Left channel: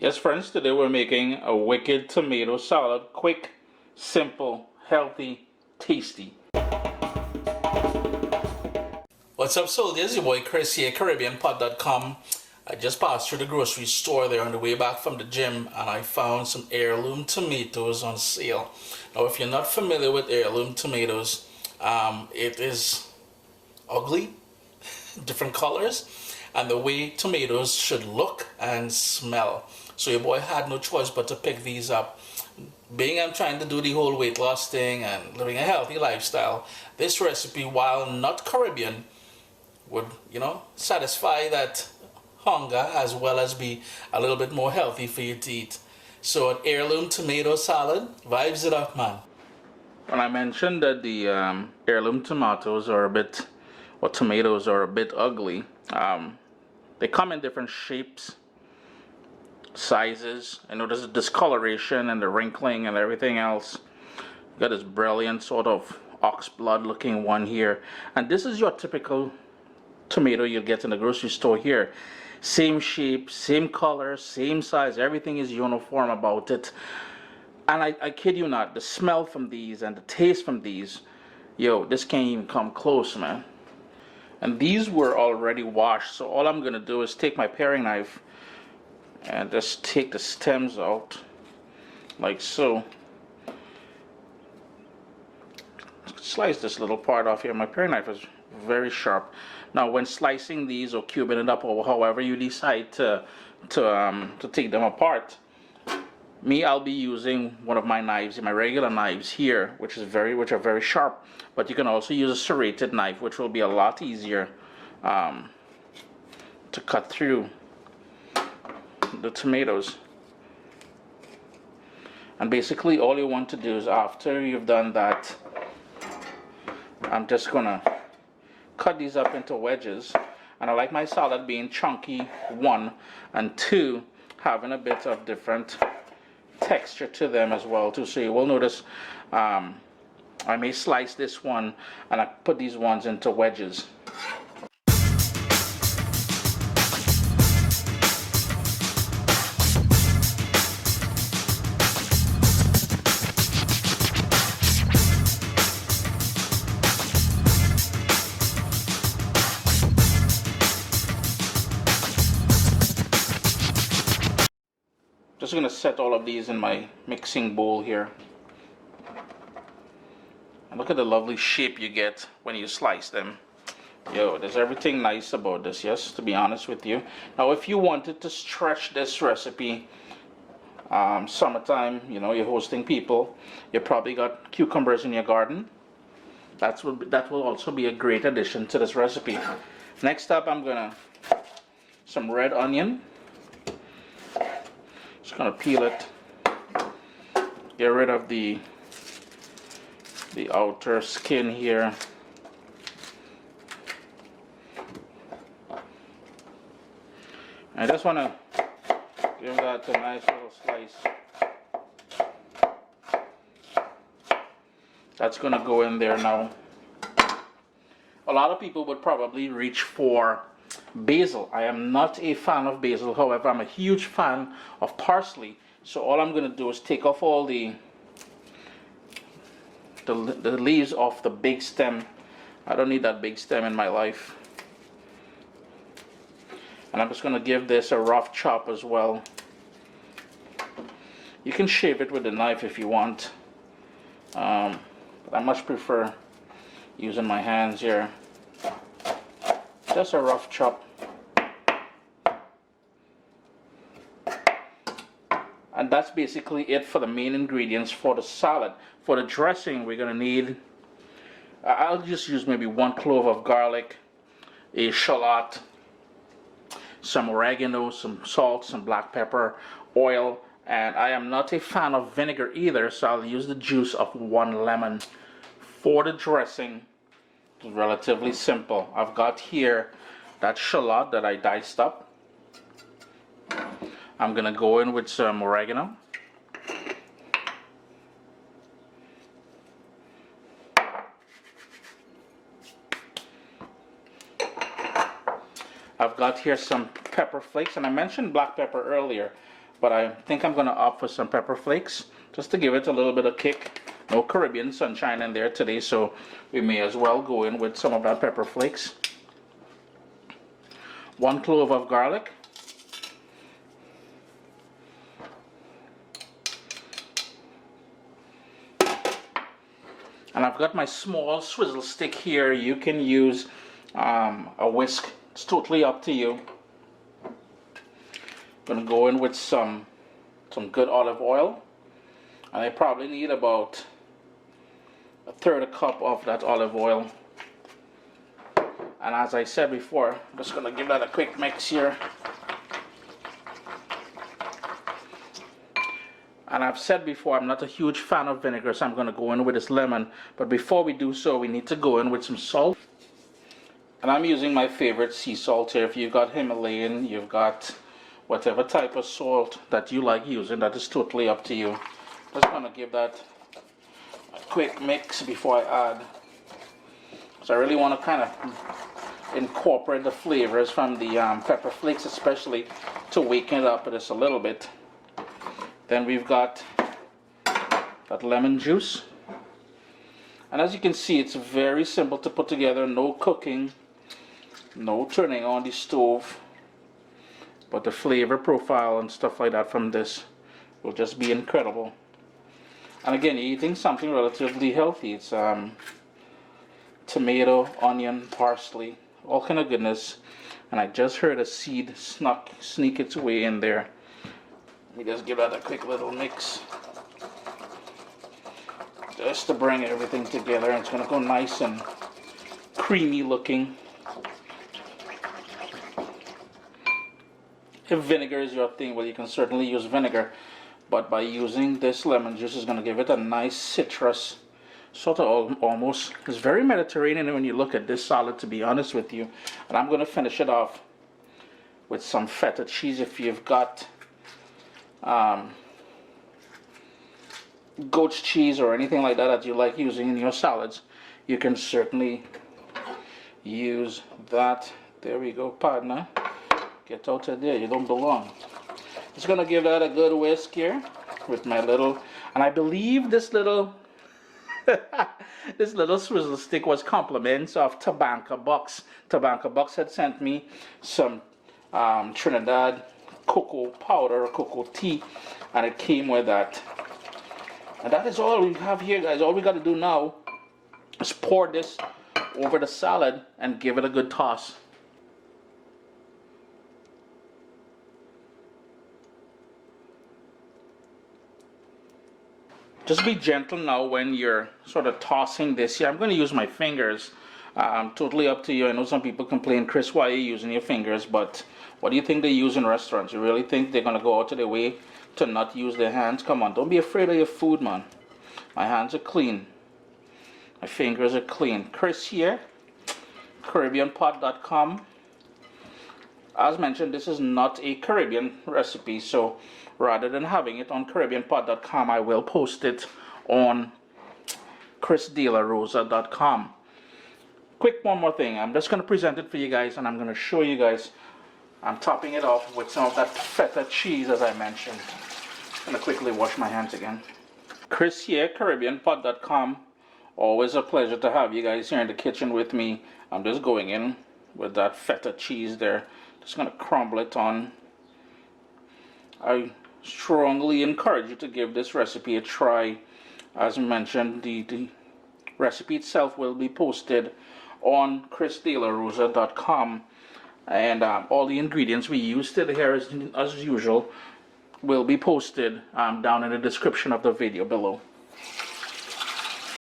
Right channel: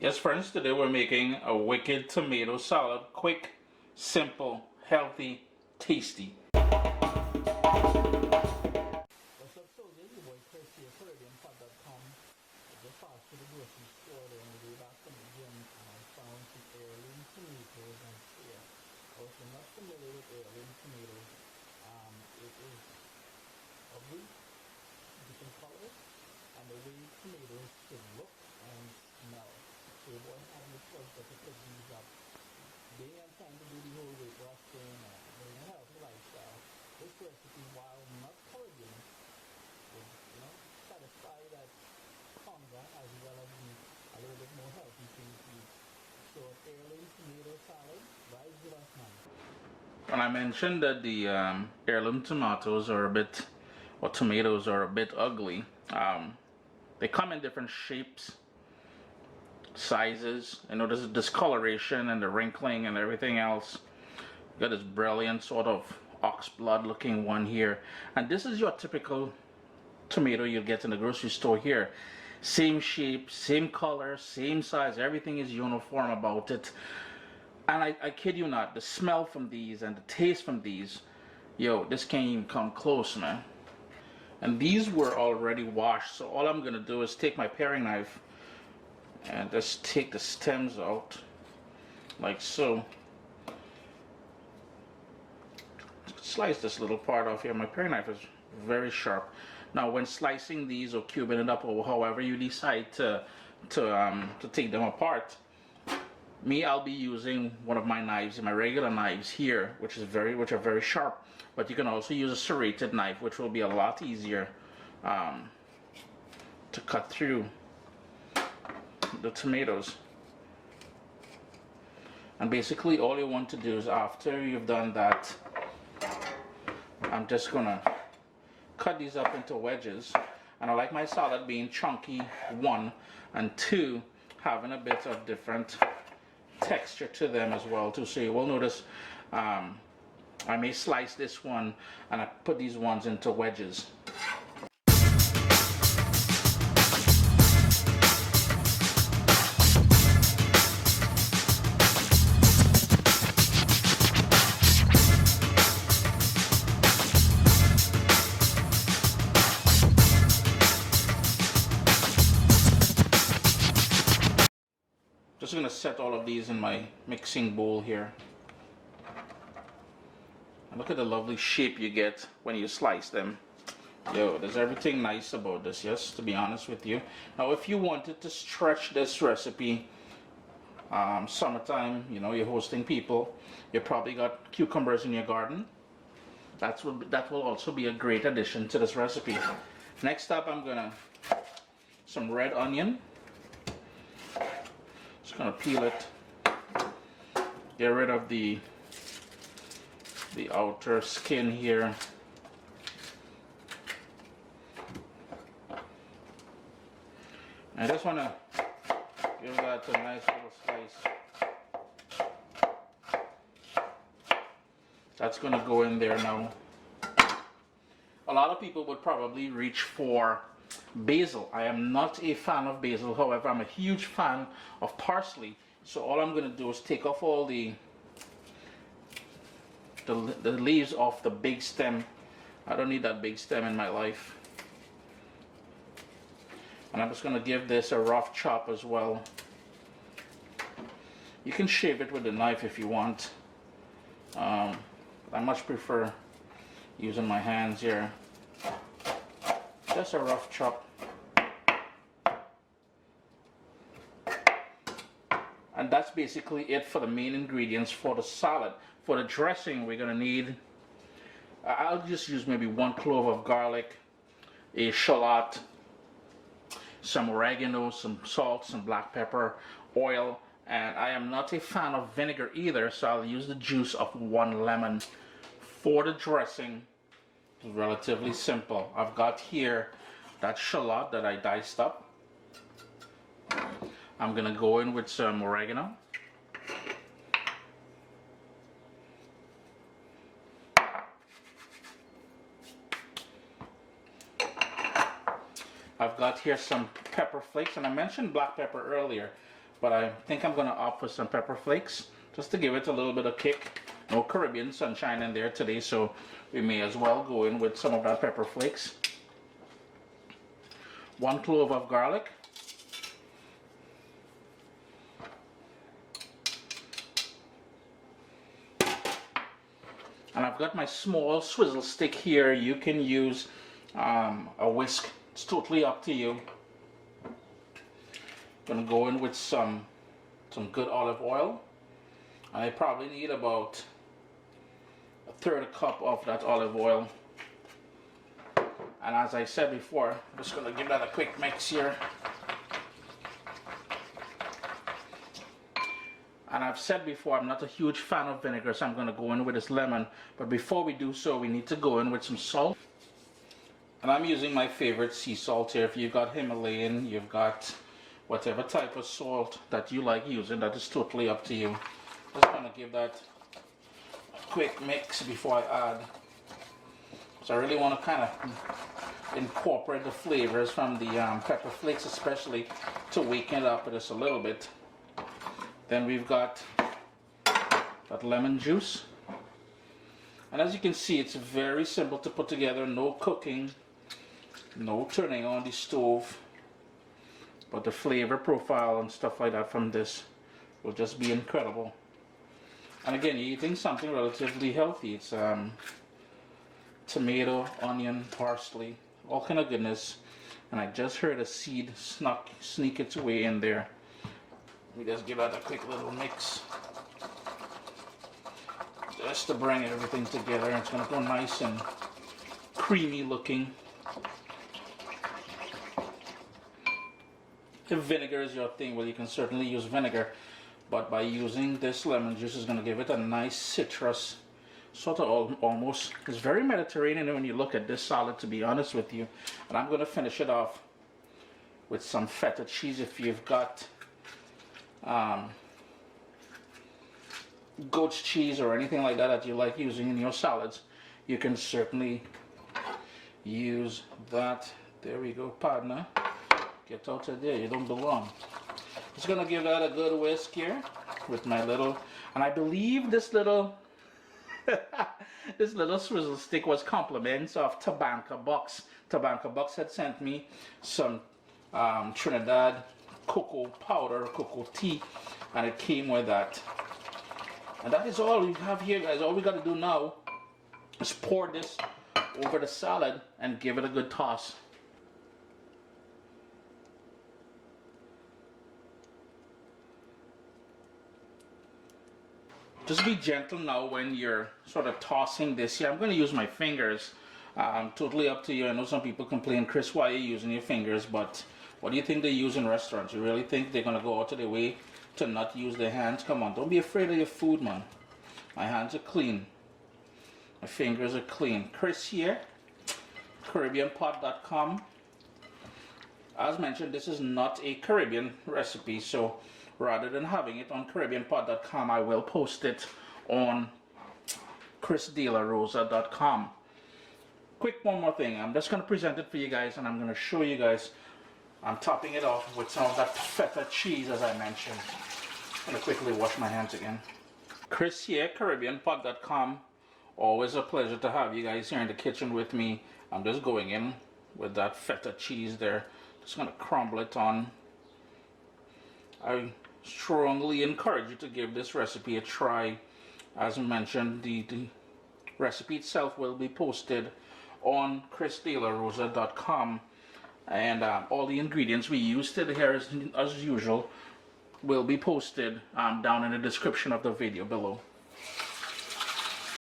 Yes, friends, today we're making a wicked tomato salad. Quick, simple, healthy, tasty. What's up, soldiers? Your boy Chris here, CaribbeanPot.com. I just passed through the grocery store there on the way back from the gym, and I found some heirloom tomatoes on sale. Now, if you're not familiar with heirloom tomatoes, it is ugly, different colors, and the way tomatoes should look and smell. So your boy had no choice but to pick these up. Being I'm trying to do the whole weight loss thing and living a healthy lifestyle, this recipe, while not Caribbean, would, satisfy that hunger as well as be a little bit more healthy for you to eat. So an heirloom tomato salad vibes it up, man. When I mentioned that the heirloom tomatoes are a bit, or tomatoes are a bit ugly, they come in different shapes, sizes. I notice the discoloration and the wrinkling and everything else. Got this brilliant sort of ox blood looking one here, and this is your typical tomato you'll get in the grocery store here. Same shape, same color, same size, everything is uniform about it. And I kid you not, the smell from these and the taste from these, this can't even come close, man. And these were already washed, so all I'm gonna do is take my paring knife and just take the stems out like so. Slice this little part off here. My paring knife is very sharp. Now when slicing these or cubing it up or however you decide to take them apart, I'll be using one of my knives, my regular knives here, which are very sharp. But you can also use a serrated knife, which will be a lot easier to cut through the tomatoes. And basically all you want to do is, after you've done that, I'm just gonna cut these up into wedges. And I like my salad being chunky, one, and two, having a bit of different texture to them as well too. So you will notice I may slice this one and I put these ones into wedges. Just going to set all of these in my mixing bowl here. And look at the lovely shape you get when you slice them. There's everything nice about this, yes, to be honest with you. Now, if you wanted to stretch this recipe, summertime, you're hosting people, you probably got cucumbers in your garden. That will also be a great addition to this recipe. Next up, I'm gonna some red onion. Just gonna peel it, get rid of the outer skin here. I just want to give that a nice little slice. That's going to go in there now. A lot of people would probably reach for basil. I am not a fan of basil, however, I'm a huge fan of parsley. So all I'm going to do is take off all the leaves off the big stem. I don't need that big stem in my life. And I'm just going to give this a rough chop as well. You can shape it with a knife if you want. But I much prefer using my hands here. Just a rough chop. And that's basically it for the main ingredients for the salad. For the dressing, we're going to need, I'll just use maybe 1 clove of garlic, a shallot, some oregano, some salt, some black pepper, oil, and I am not a fan of vinegar either, so I'll use the juice of 1 lemon. For the dressing, it's relatively simple. I've got here that shallot that I diced up. I'm going to go in with some oregano. I've got here some pepper flakes, and I mentioned black pepper earlier. but I think I'm going to opt for some pepper flakes just to give it a little bit of kick. No Caribbean sunshine in there today, so we may as well go in with some of that pepper flakes. 1 clove of garlic. And I've got my small swizzle stick here. You can use a whisk. It's totally up to you. I'm going to go in with some good olive oil. And I probably need about 1/3 cup of that olive oil. And as I said before, I'm just going to give that a quick mix here. And I've said before, I'm not a huge fan of vinegar, so I'm going to go in with this lemon. But before we do so, we need to go in with some salt. And I'm using my favorite sea salt here. If you've got Himalayan, you've got whatever type of salt that you like using, that is totally up to you. Just going to give that a quick mix before I add. So I really want to kind of incorporate the flavors from the pepper flakes, especially to waken it up just a little bit. Then we've got that lemon juice. And as you can see, it's very simple to put together. No cooking, no turning on the stove. But the flavor profile and stuff like that from this will just be incredible. And again, you're eating something relatively healthy. It's tomato, onion, parsley, all kind of goodness. And I just heard a seed sneak its way in there. Let me just give that a quick little mix. Just to bring everything together. And it's going to go nice and creamy looking. If vinegar is your thing, well, you can certainly use vinegar. But by using this lemon juice, is going to give it a nice citrus, sort of almost. It's very Mediterranean when you look at this salad, to be honest with you. And I'm going to finish it off with some feta cheese. If you've got goat's cheese or anything like that that you like using in your salads, you can certainly use that. There we go, partner. Get out of there, you don't belong. Just gonna give that a good whisk here with my little, and I believe this little this little swizzle stick was compliments of Tabanca Bucks. Tabanca Bucks had sent me some Trinidad cocoa powder, cocoa tea, and it came with that. And that is all we have here, guys. All we got to do now is pour this over the salad and give it a good toss. Just be gentle now when you're sort of tossing this here. I'm going to use my fingers. Totally up to you. I know some people complain, Chris, why are you using your fingers? But what do you think they use in restaurants? You really think they're going to go out of their way to not use their hands? Come on, don't be afraid of your food, man. My hands are clean. My fingers are clean. Chris here, CaribbeanPot.com. As mentioned, this is not a Caribbean recipe, so rather than having it on CaribbeanPot.com, I will post it on ChrisDelaRosa.com. Quick one more thing. I'm just going to present it for you guys, and I'm going to show you guys. I'm topping it off with some of that feta cheese, as I mentioned. I'm going to quickly wash my hands again. Chris here, CaribbeanPot.com. Always a pleasure to have you guys here in the kitchen with me. I'm just going in with that feta cheese there. Just going to crumble it on. I strongly encourage you to give this recipe a try. As mentioned, the recipe itself will be posted on ChrisDelaRosa.com. And all the ingredients we used here, as usual, will be posted down in the description of the video below.